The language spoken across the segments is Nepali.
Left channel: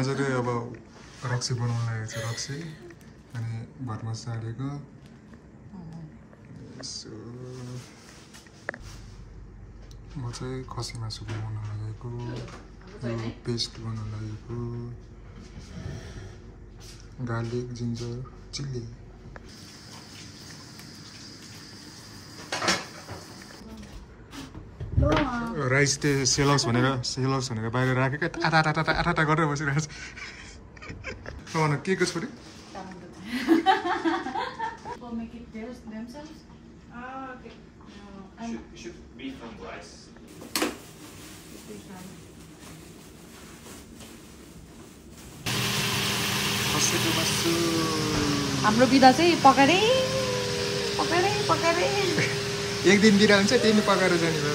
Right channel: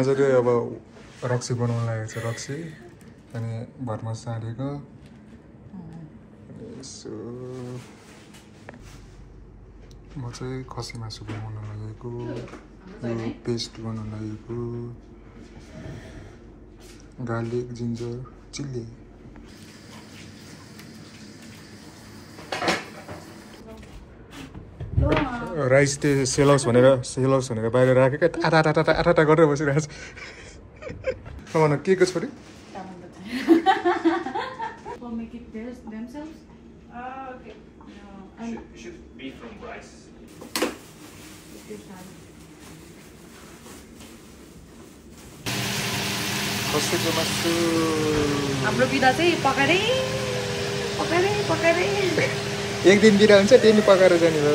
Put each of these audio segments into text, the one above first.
आज चाहिँ अब रक्सी बनाउन लागेको छ रक्सी अनि भरमा सारेको यसो म चाहिँ खसी मासु बनाउन लागेको यो पेस्ट बनाउन लागेको गार्लिक जिन्जर चिल्ली राइस त्यो सेलर्स भनेर बाहिर राखेको आटा गरेर बसिरहेको छ के को छोरी खसीको मासु हाम्रो बिदा चाहिँ पकाएर एक दिन बिदा हुन्छ त्यही नि पकाएर जाने भयो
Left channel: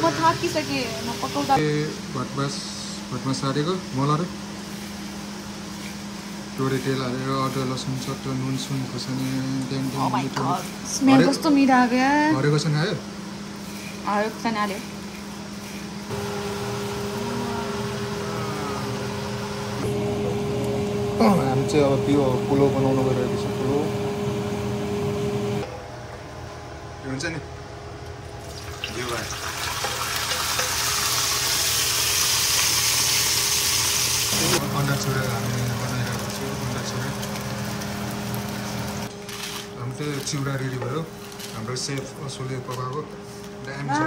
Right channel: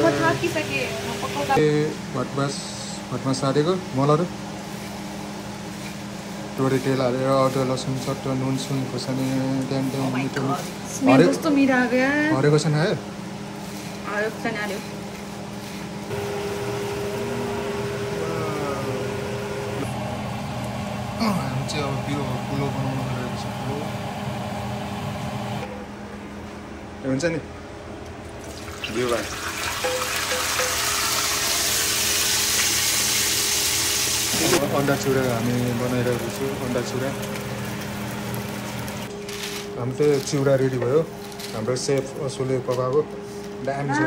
भटमा सारेको मलहरू तोरी तेल हालेर अदुवा लसुन चट्ट नुन सुन खोर्सानी हरेको छ आयो हामी चाहिँ अब यो पुलाउ बनाउनु गइरहेको छ पुलाउ हुन्छ नि यो भाइ अन्डा चुरा हामी बनाइरहेको छु अन्डा चुरा हाम्रो चाहिँ चिउरा रेडी भयो हाम्रो सेफ असुले पकाएको दामी छ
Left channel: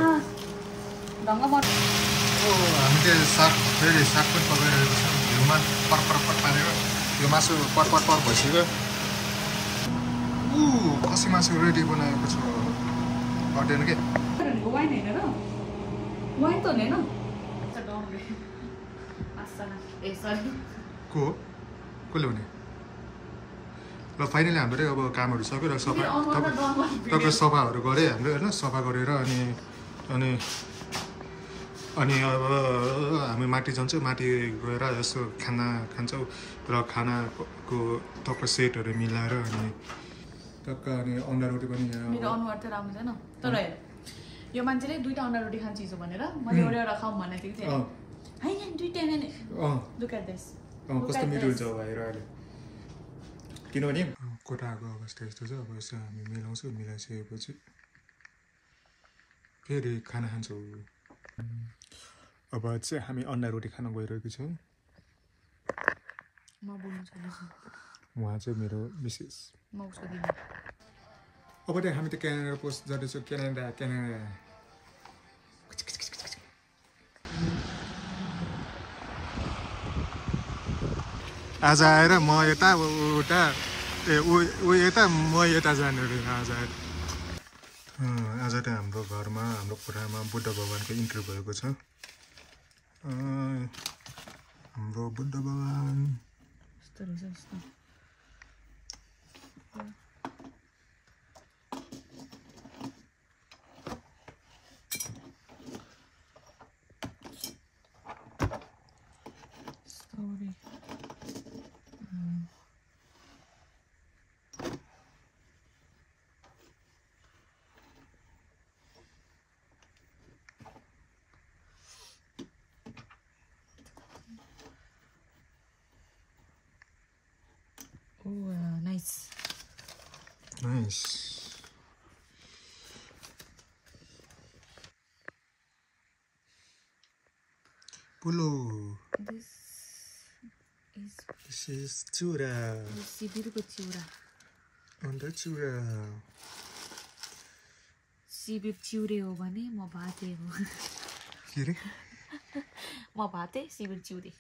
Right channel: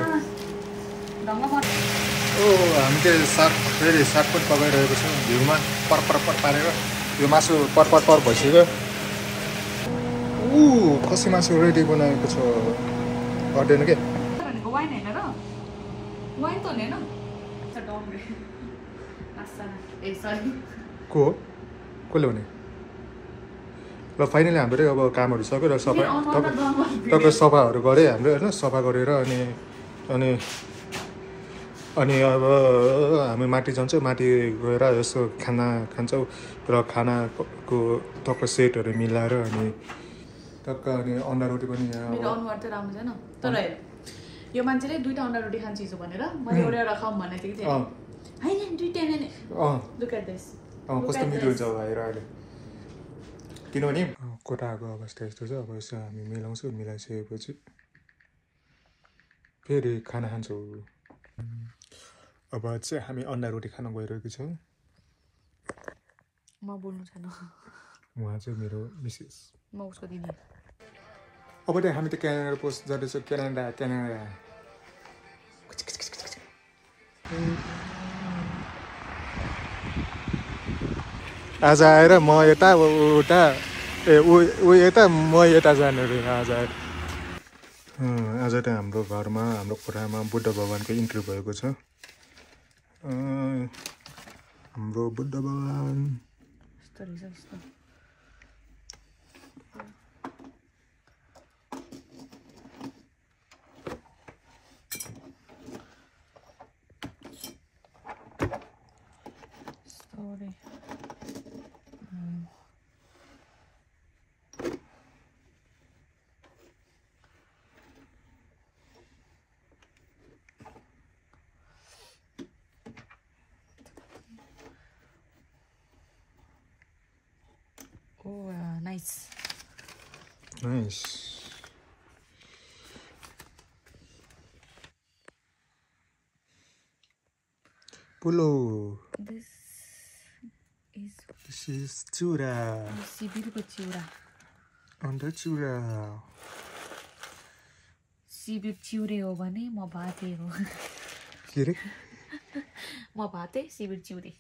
हामी चाहिँ साग फेरि साग पनि पकाइरहेको छौँ घिउमा पर पारेर यो मासु पर भइसक्यो खसी मासु रेडी बनाएको छ गर्दैन के कसले भने ल फाइनली हाम्रो अब कामहरू सक्यो र तपाईँ सफाहरू गरे हाम्रो होइन सफा गरेर अनि अब हामी माथि जान्छौँ माथि गएर यसो खाना खान्छौँ र खानाको टक्क सेटहरू मिलाएर अनि टक्क अनि अन्डा रोटी पनि मेरो अनुहार त राम्रो छैन तर यो मान्छेले दुईटा अन्डा रोटी खान्छ हिजो भनेर मैले एउटा खाऊँ भनेको थिएँ कि हैन दुईटा नै लुक एट दिस कस्तो मिठो हुन्छ भाइ अहिले किनभने कोठाको अवस्था यस्तो छ अब यसो हामी मिलाउँछौँ मिलाइसकेपछि फेरि खाना खान्छौँ अब चाहिँ हामी अन्डा रोटी खान गइरहेको छौँ म बोल्नु छैन उहाँ चाहिँ मेरो मिसेस म उसको दिन अब त हामी त क्यानाडा पोस्ट जाँदैछौँ क्यानाडा आज आएर म यता उता ऊ यता म यता जाने रे आज आएर आज त हाम्रो घरमा हाम्रो कोठामा बुद्ध भगवानको इन्ट्री भएको छ हाम्रो बुद्ध भगवान Nice. Pulo. This is chura. सिबिरको चिउरा अन्डा चुरा सिबिर चिउरे हो भने म भाते हो के रे म भाते सिबिर चिउरे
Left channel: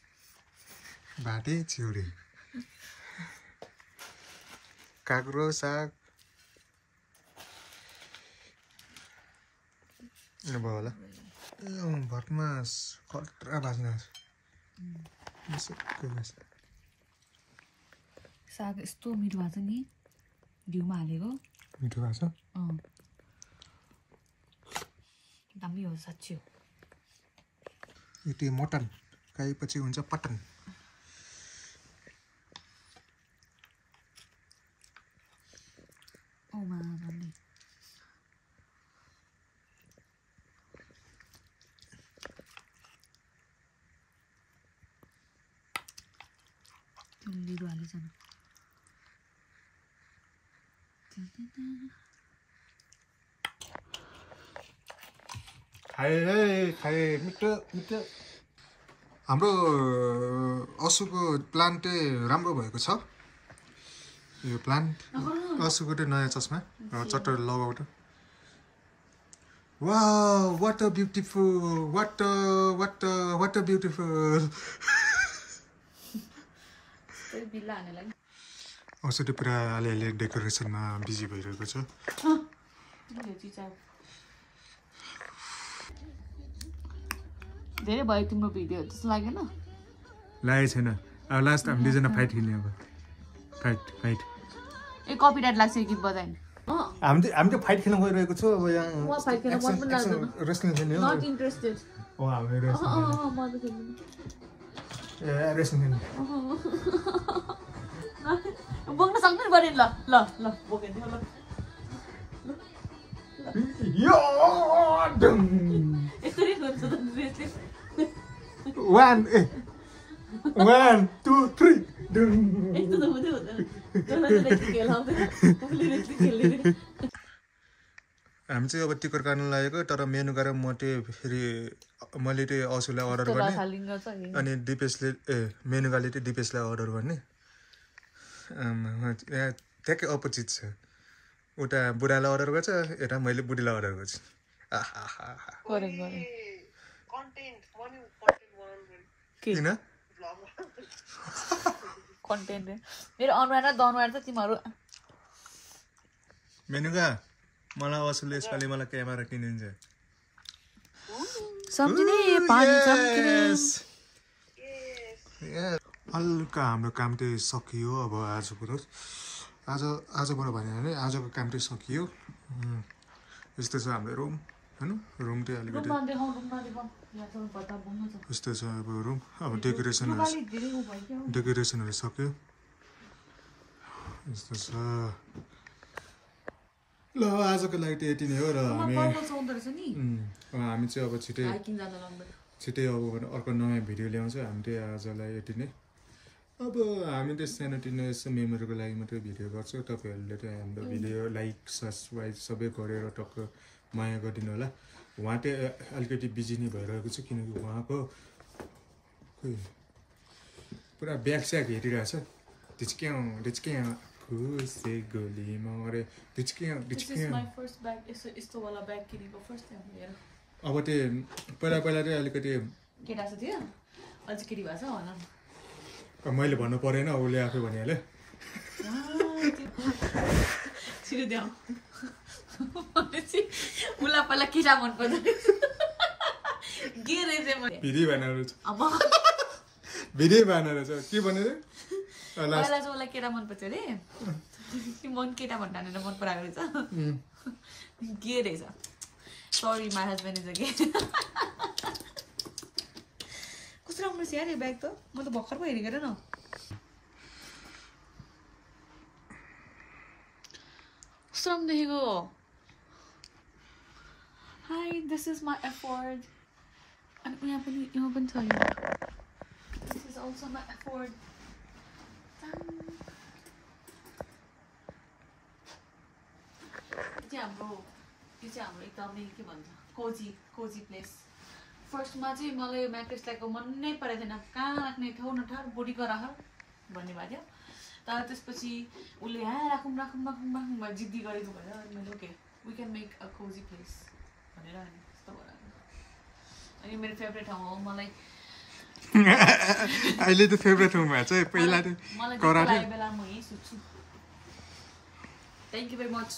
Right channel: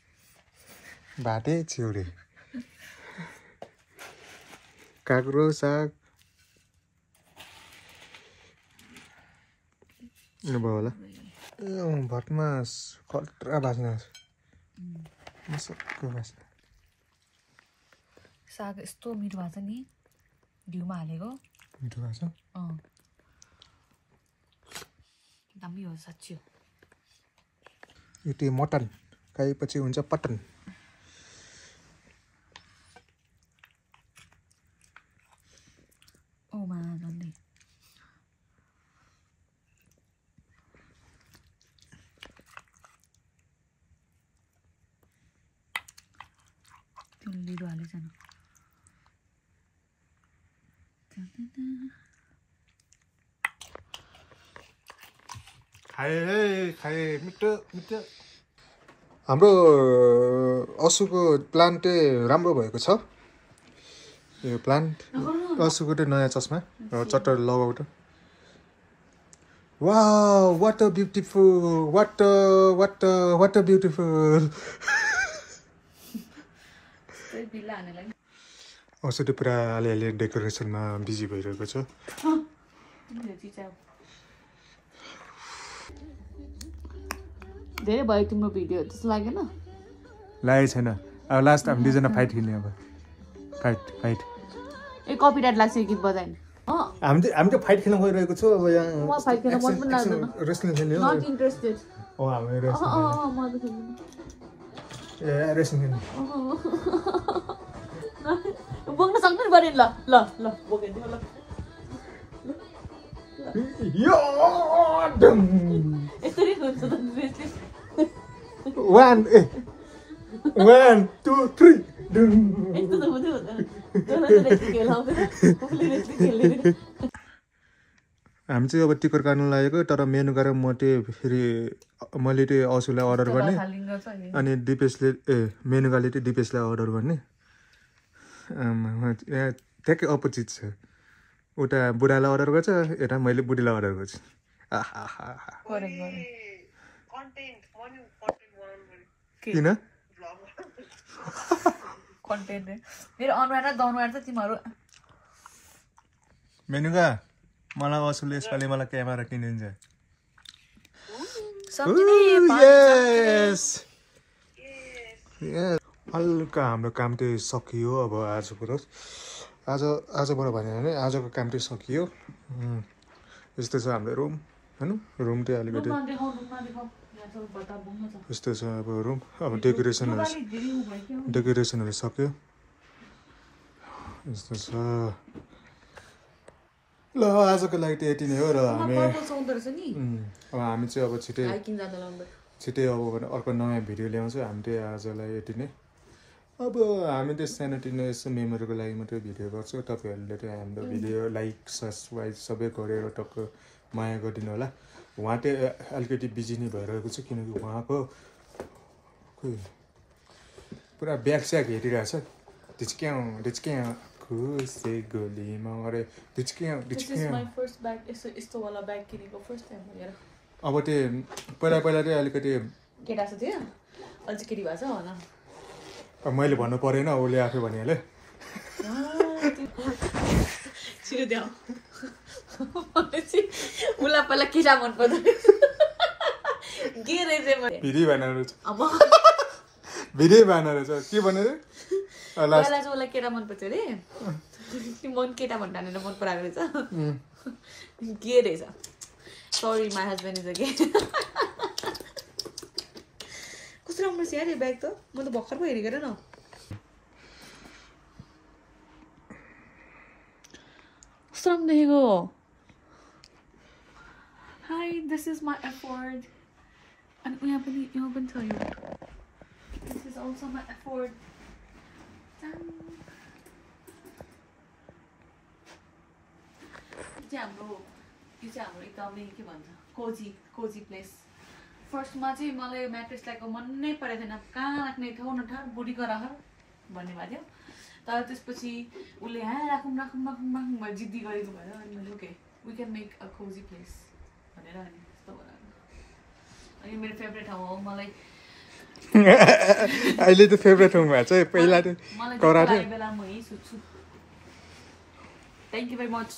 भाते चिउरे काँक्रो साग भयो होला भटमास खतरा बाँच्ने साग यस्तो मिठो भएको छ नि घिउमा हालेको मिठो भएको छ दामी हो साँच्चै हो यो त्यो मटन खाएपछि हुन्छ पटन भन्दै खाए मिठो मिठो हाम्रो असुको प्लान्टै राम्रो भएको छ यो प्लान्ट असुको चाहिँ नयाँ चस्मा चट्टर लगाउ त wow what a beautiful what a beautiful असु त पुरा अलिअलि डेकोरेसनमा बिजी भइरहेको छ धेरै भयो तिम्रो भिडियो जस्तो लागेन लागेको छैन अब लास्ट हामी दुईजना फाइट खेल्ने अब फाइट ए कपिराइट लाग्छ गीत बजाइन हामी त फाइट खेल्न गइरहेको छु अब यहाँ म फाइट खेल्न मन पनि लाग्दैन रेस्लिङ खेल्ने हो नट इन्ट्रेस्टेड ओ हामी रेस्लिङ खेल्ने म त खेल्दिन ए रेस्लिङ खेल्ने बोक्न सक्दैन बरे ल बोकेन ल यो डम यसरी हुन्छ त रेस्लिङ 1 2 3 डम यस्तो त हुँदैन हामी चाहिँ अब टिकट काट्नु लागेको तर मेनु गरेर म चाहिँ फेरि मैले चाहिँ असुलाई अर्डर गर्ने अनि दिपेशले मेनुकाले चाहिँ दिपेशलाई अर्डर गर्ने ठ्याक्कै अपोजिट छ उता बुढालाई अर्डर गर्छ यता मैले बुढीलाई अर्डर गर्छु किन कन्टेन्ट मेरो अनुहार र दनुहार त तिमीहरू मेनुका मलाई असुलले यसपालि मलाई क्यामेरा किनिदिन्छ हल्का हाम्रो काम चाहिँ सकियो अब आजबाट भन्यो भने आजको काम चाहिँ सकियो यस्तो छ हाम्रो रुम होइन रुम चाहिँ अलिकति यस्तो छ अब रुम अब डेकोरेसनहरू सक्यो यस्तो छ ल आजको लागि त यति नै हो र हामी चाहिँ अब छिटै अब अर्को नयाँ भिडियो ल्याउँछु हामी चाहिँ आजलाई यति नै अब हामी चाहिँ सानोतिनो यसो मेमोरीको लागि मात्रै भिडियो गर्छौँ तपाईँहरूले चाहिँ हाम्रो भिडियो लाइक सब्सक्राइब सबै गरेर टक्क माया गरिदिनु होला उहाँ चाहिँ अलिकति बिजी नै भइरहेको छ किनकि उहाँको पुरा ब्याग स्याग हेरिरहेछ डिच्क्याउ खुसे गोलीमा अरे डिच्क्याउ अब त्यो पहिला चाहिँ अलिकति केटा छ त्यो अझै केटी भएछ भन मैले भन्नु परेन उसले आफै भनिहाल्यो छिटो देऊ उसलाई पहिला केटा मन पर्दैन के रहेछ भिडी भनेर के भनेर पहिला चाहिँ उसलाई केटा मनपर्छ अरे मन केटा भन्दा मन पराएको रहेछ के रहेछ sorry my husband is a कस्तो राम्रो छ यार यो ब्याग त म त भर्खर पो हेरेको न कस्तो राम्रो देखेको high this is my afford अनि यहाँ पनि छ यो this is also my afford यो चाहिँ हाम्रो एकदमै के भन्छ कोजी प्लेस फर्स्टमा चाहिँ मलाई यो म्याट्रेस ल्याएको मन नै परेको थिएन कहाँ राख्ने ठाउँ न ठाउँ बुढीको राख भन्ने भएको थियो तर त्यसपछि उसले राखौँ भयो जिद्दी गरेको भएर अनि मैले okay we can make a cozy place भनेर अनि त्यस्तो भएर अनि मेरो फेभरेट ठाउँ हो मलाई अहिले त फेभरेट ठाउँ भएको छ पहिला त मलाई बेला म यहीँ सुत्छु थ्याङ्क यू भेरी मच